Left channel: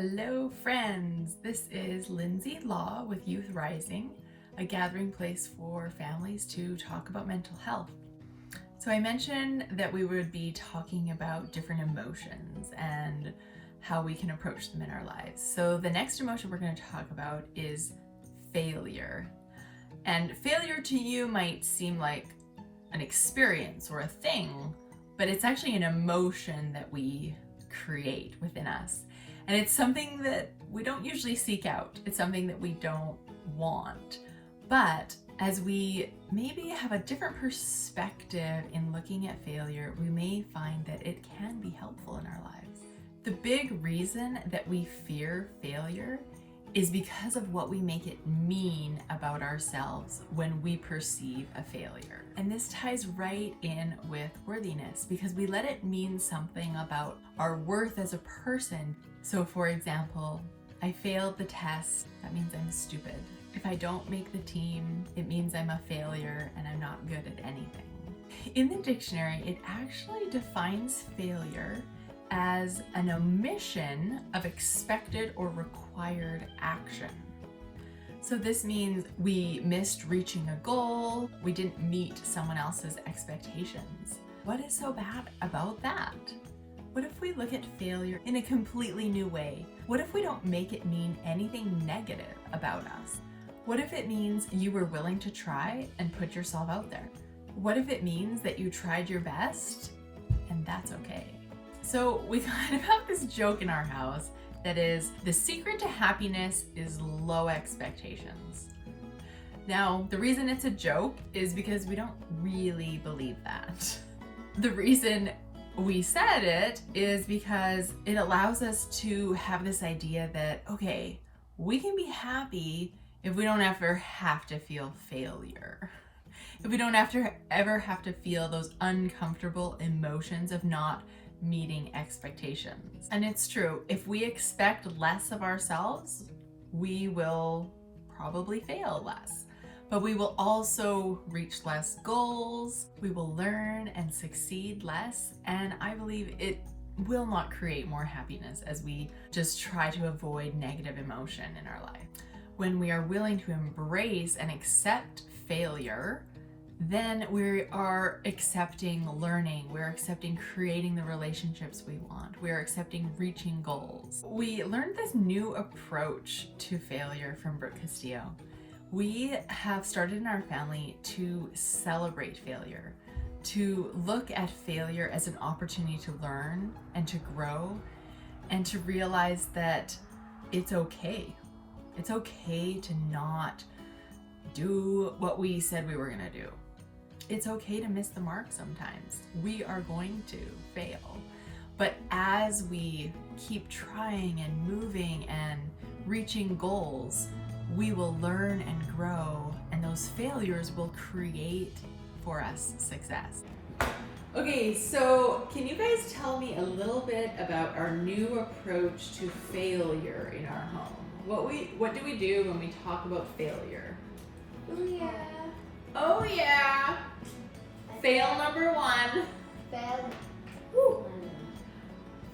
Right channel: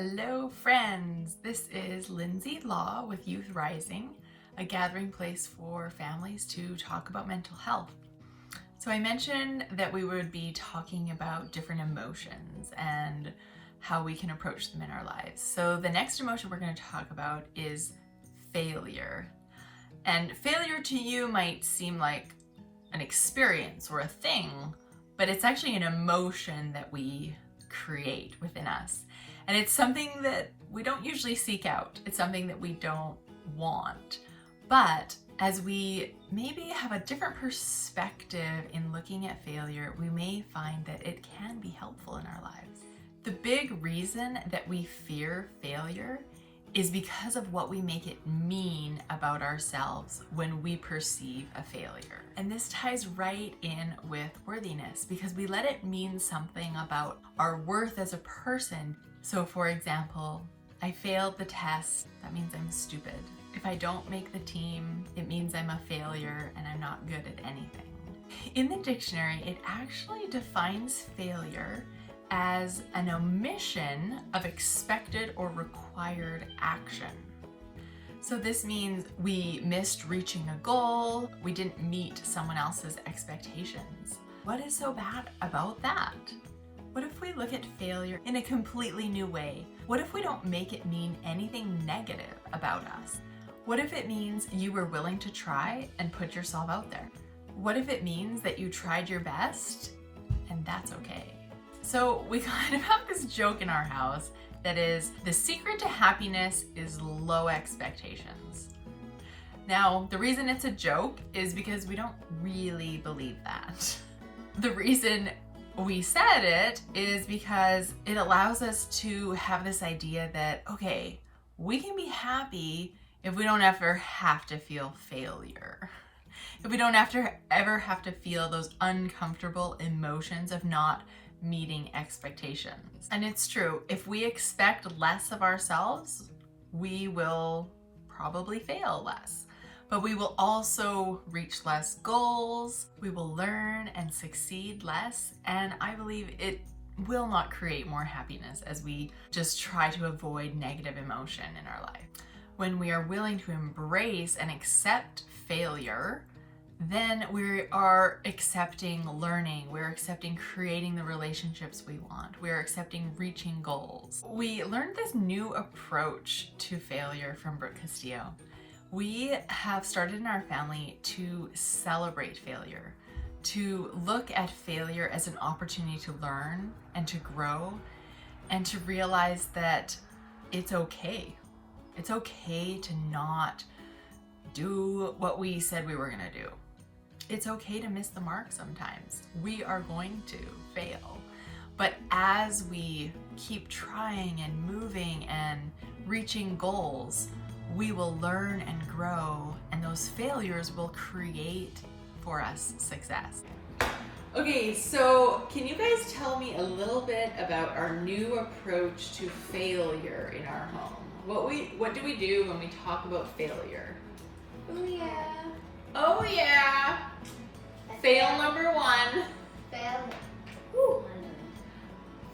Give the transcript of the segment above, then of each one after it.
Hello friends, this is Lindsay Law with Youth Rising, a gathering place for families to talk about mental health. So I mentioned that we would be talking about different emotions and how we can approach them in our lives. So the next emotion we're going to talk about is failure. And failure to you might seem like an experience or a thing, but it's actually an emotion that we create within us. And it's something that we don't usually seek out. It's something that we don't want. But as we maybe have a different perspective in looking at failure, we may find that it can be helpful in our lives. The big reason that we fear failure is because of what we make it mean about ourselves when we perceive a failure. And this ties right in with worthiness because we let it mean something about our worth as a person. So for example, I failed the test, that means I'm stupid. If I don't make the team, it means I'm a failure and I'm not good at anything. In the dictionary, it actually defines failure as an omission of expected or required action. So this means we missed reaching a goal, we didn't meet someone else's expectations. What is so bad about that? What if we look at failure in a completely new way? What if we don't make it mean anything negative about us? What if it means you were willing to try and put yourself out there? What if it means that you tried your best and that's okay? So we kind of have this joke in our house that is, the secret to happiness is low expectations. Now, the reason it's a joke is because we don't really believe that. The reason we said it is because it allows us to have this idea that, okay, we can be happy if we don't ever have to feel failure. If we don't ever have to feel those uncomfortable emotions of not meeting expectations. And it's true, if we expect less of ourselves, we will probably fail less. But we will also reach less goals, we will learn and succeed less, and I believe it will not create more happiness as we just try to avoid negative emotion in our life. When we are willing to embrace and accept failure, then we are accepting learning, we're accepting creating the relationships we want, we're accepting reaching goals. We learned this new approach to failure from Brooke Castillo. We have started in our family to celebrate failure, to look at failure as an opportunity to learn and to grow and to realize that it's okay. It's okay to not do what we said we were gonna do. It's okay to miss the mark sometimes. We are going to fail. But as we keep trying and moving and reaching goals, we will learn and grow, and those failures will create for us success. Okay, so can you guys tell me a little bit about our new approach to failure in our home? What do we do when we talk about failure? Oh yeah. Oh yeah. Fail number one. Fail.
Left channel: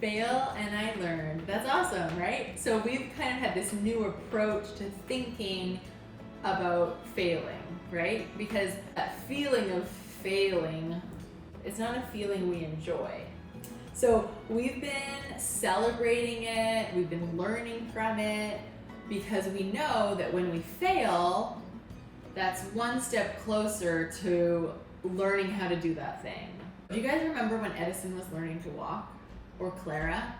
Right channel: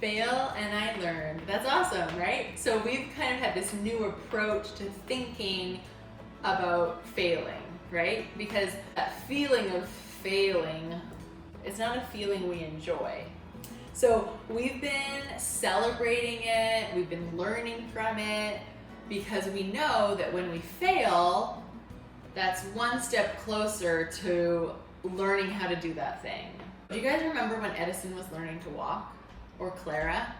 Fail and I learned. That's awesome, right? So we've kind of had this new approach to thinking about failing, right? Because that feeling of failing, it's not a feeling we enjoy. So we've been celebrating it, we've been learning from it, because we know that when we fail, that's one step closer to learning how to do that thing. Do you guys remember when Edison was learning to walk? Or Clara?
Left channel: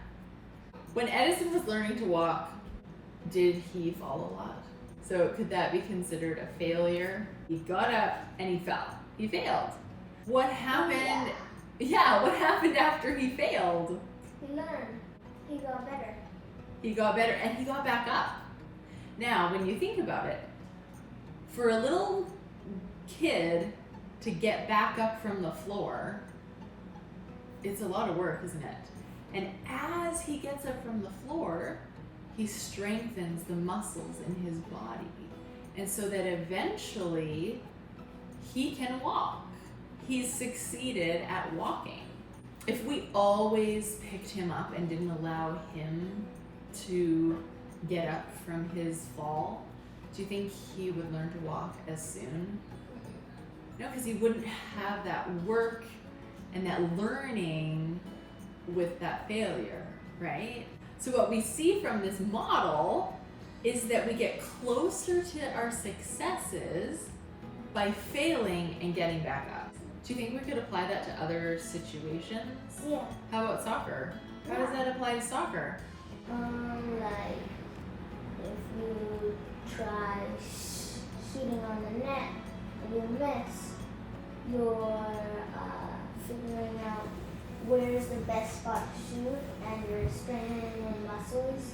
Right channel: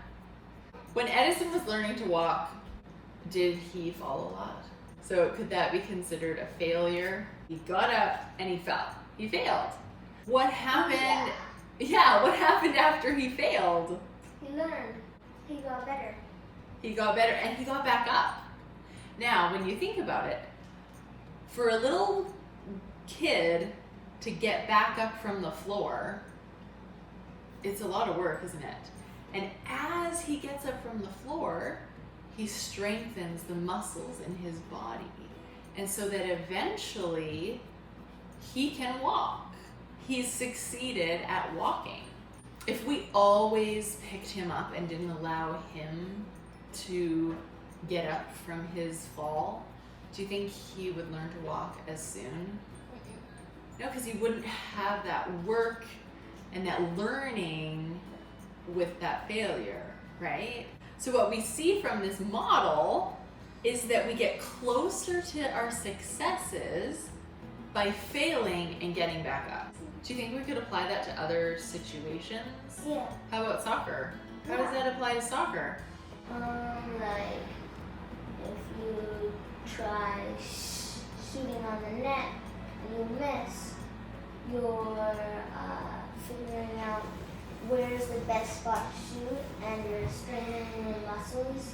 When Edison was learning to walk, did he fall a lot? So could that be considered a failure? He got up and he fell. He failed. What happened? Yeah, what happened after he failed? He learned. He got better. He got better and he got back up. Now, when you think about it, for a little kid to get back up from the floor, it's a lot of work, isn't it? And as he gets up from the floor, he strengthens the muscles in his body. And so that eventually he can walk. He's succeeded at walking. If we always picked him up and didn't allow him to get up from his fall, do you think he would learn to walk as soon? No, because he wouldn't have that work and that learning with that failure, right? So what we see from this model is that we get closer to our successes by failing and getting back up. Do you think we could apply that to other situations? Yeah. How about soccer? How does that apply to soccer? Like if you try shooting on the net and you miss, you're figuring out where's the best spot to shoot, and you're straining your muscles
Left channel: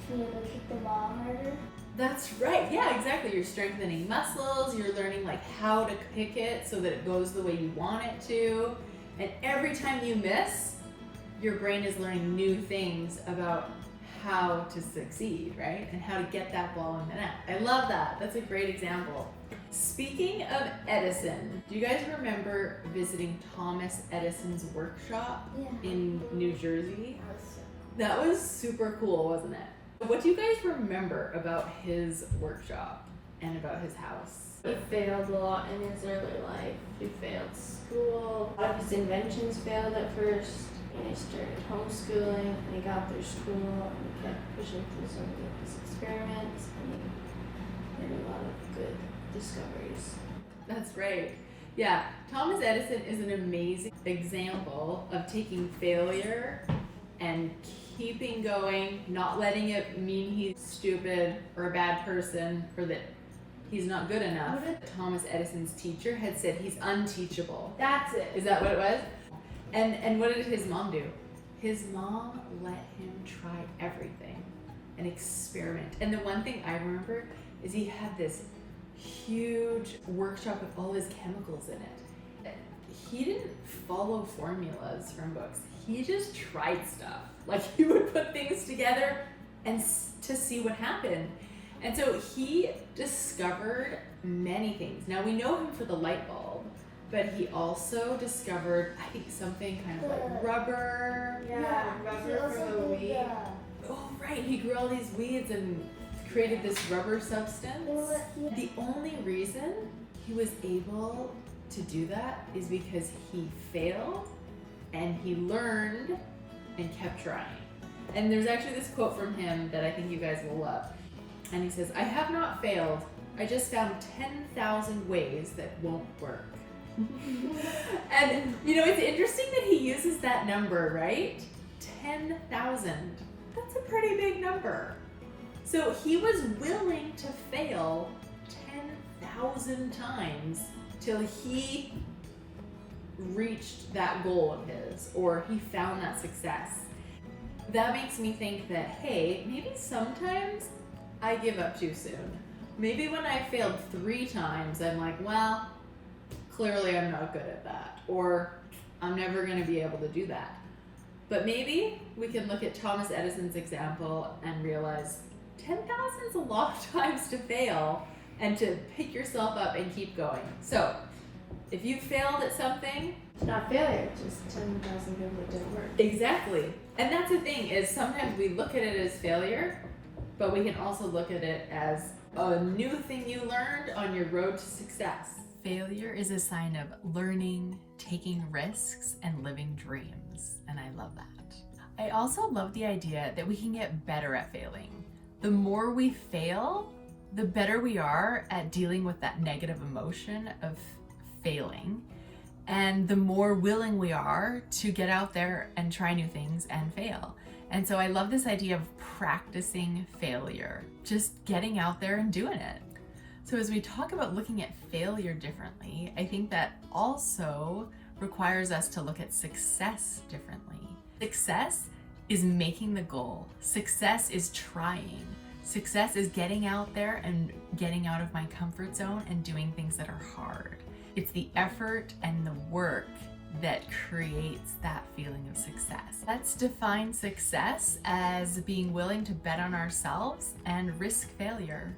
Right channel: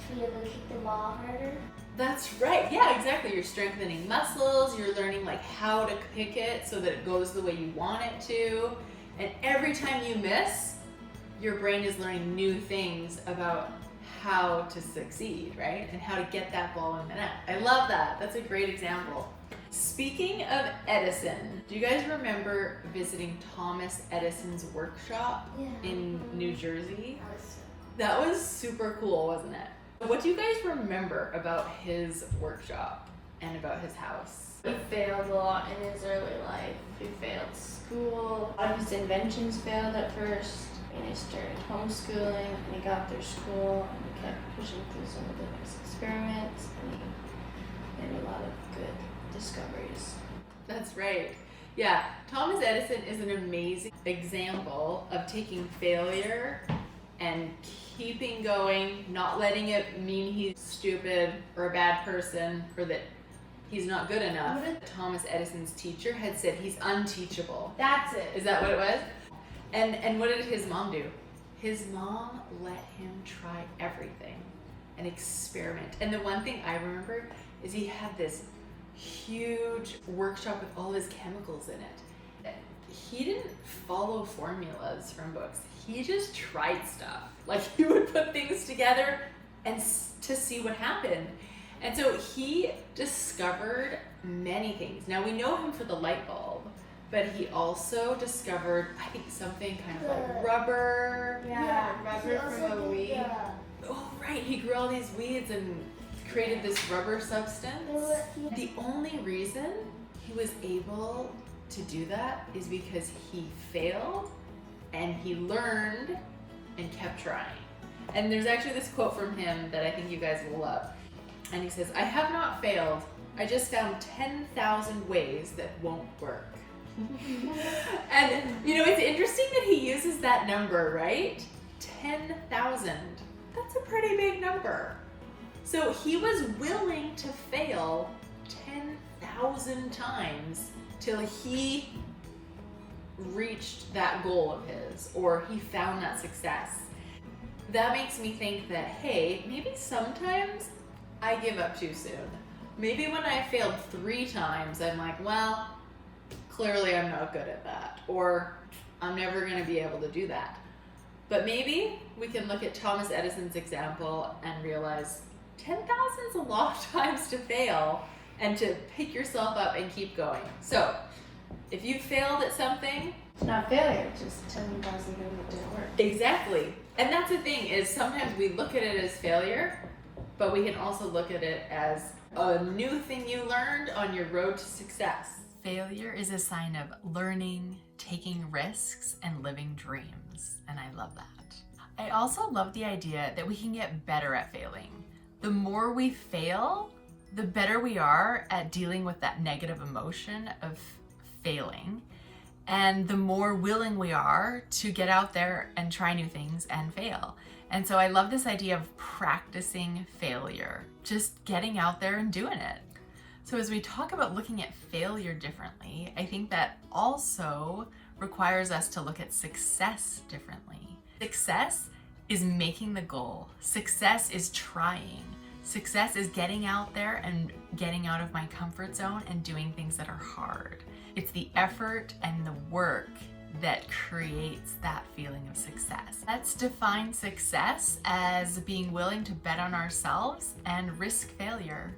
to be able to kick the ball harder. That's right. Yeah, exactly. You're strengthening muscles. You're learning like how to kick it so that it goes the way you want it to. And every time you miss, your brain is learning new things about how to succeed, right? And how to get that ball in the net. I love that. That's a great example. Speaking of Edison, do you guys remember visiting Thomas Edison's workshop in New Jersey? That was super cool, wasn't it? What do you guys remember about his workshop and about his house? He failed a lot in his early life. He failed school. A lot of his inventions failed at first. And he started homeschooling, and he got through school, and he kept pushing through some of his experiments, and he made a lot of good discoveries. That's right. Yeah, Thomas Edison is an amazing example of taking failure and keeping going, not letting it mean he's stupid or a bad person or that he's not good enough. Thomas Edison's teacher had said he's unteachable. That's it. Is that what it was? And what did his mom do? His mom let him try everything and experiment. And the one thing I remember is he had this huge workshop with all his chemicals in it. He didn't follow formulas from books. He just tried stuff. Like he would put things together and to see what happened. And so he discovered many things. Now we know him for the light bulb, but he also discovered, I think, something kind of like rubber. Rubber for the weed. Oh, right. He grew all these weeds and created this rubber substance. The only reason he was able to do that is because he failed and he learned and kept trying. And there's actually this quote from him that I think you guys will love. And he says, "I have not failed. I just found 10,000 ways that won't work." And you know, it's interesting that he uses that number, right? 10,000. That's a pretty big number. So he was willing to fail 10,000 times till he reached that goal of his, or he found that success. That makes me think that, hey, maybe sometimes I give up too soon. Maybe when I failed 3 times, I'm like, well, clearly I'm not good at that, or I'm never going to be able to do that. But maybe we can look at Thomas Edison's example and realize 10,000 is a lot of times to fail and to pick yourself up and keep going. So if you failed at something, It's not failure, just 10,000 people didn't work. exactly. And that's the thing, is sometimes we look at it as failure, but we can also look at it as a new thing you learned on your road to success. Failure is a sign of learning, taking risks, and living dreams. And I love that. I also love the idea that we can get better at failing. The more we fail, the better we are at dealing with that negative emotion of failing. And the more willing we are to get out there and try new things and fail. And so I love this idea of practicing failure, just getting out there and doing it. So as we talk about looking at failure differently, I think that also requires us to look at success differently. Success is making the goal. Success is trying. Success is getting out there and getting out of my comfort zone and doing things that are hard. It's the effort and the work that creates that feeling of success. Let's define success as being willing to bet on ourselves and risk failure.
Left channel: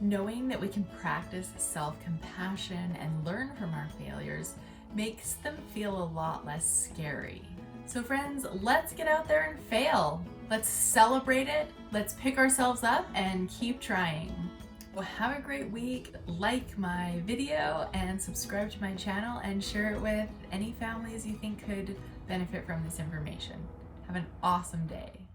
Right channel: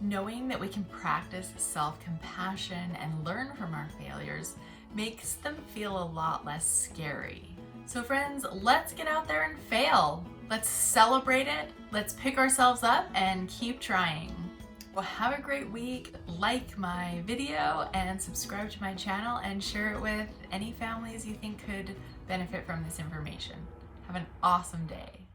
Knowing that we can practice self-compassion and learn from our failures makes them feel a lot less scary. So friends, let's get out there and fail. Let's celebrate it. Let's pick ourselves up and keep trying. Well, have a great week. Like my video and subscribe to my channel and share it with any families you think could benefit from this information. Have an awesome day.